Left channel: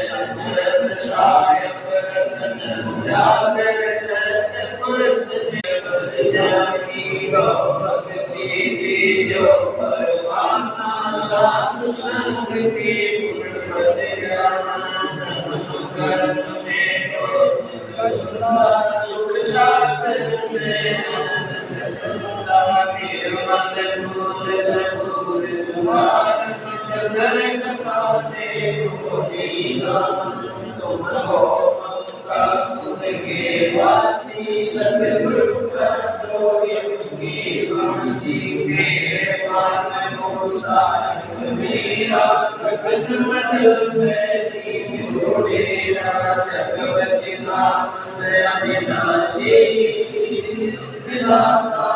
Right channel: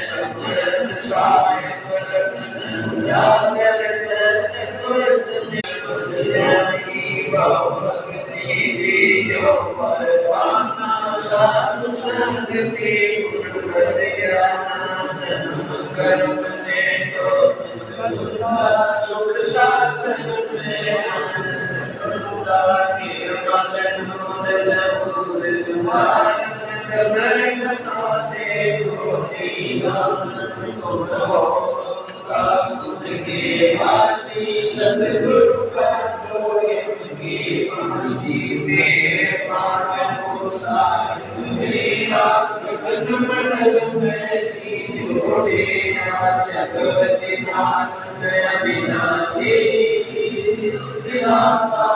समर्थ साहिब रतन उजागर सतगुर जाही भक्ति जो परवाना साधु संग की पुण्य कर्म में तो सुख सागर में निर्मल नूर जहूर तुम्हार जगर कथा दे गोरी गान तुम हो तुम के वासी सतगुरु कर दो इनकी वासी मेरे पान को साहिब मेरा भगत मंडल में दीन जोड़ेरा जगत नाथ अविनाशी विधाता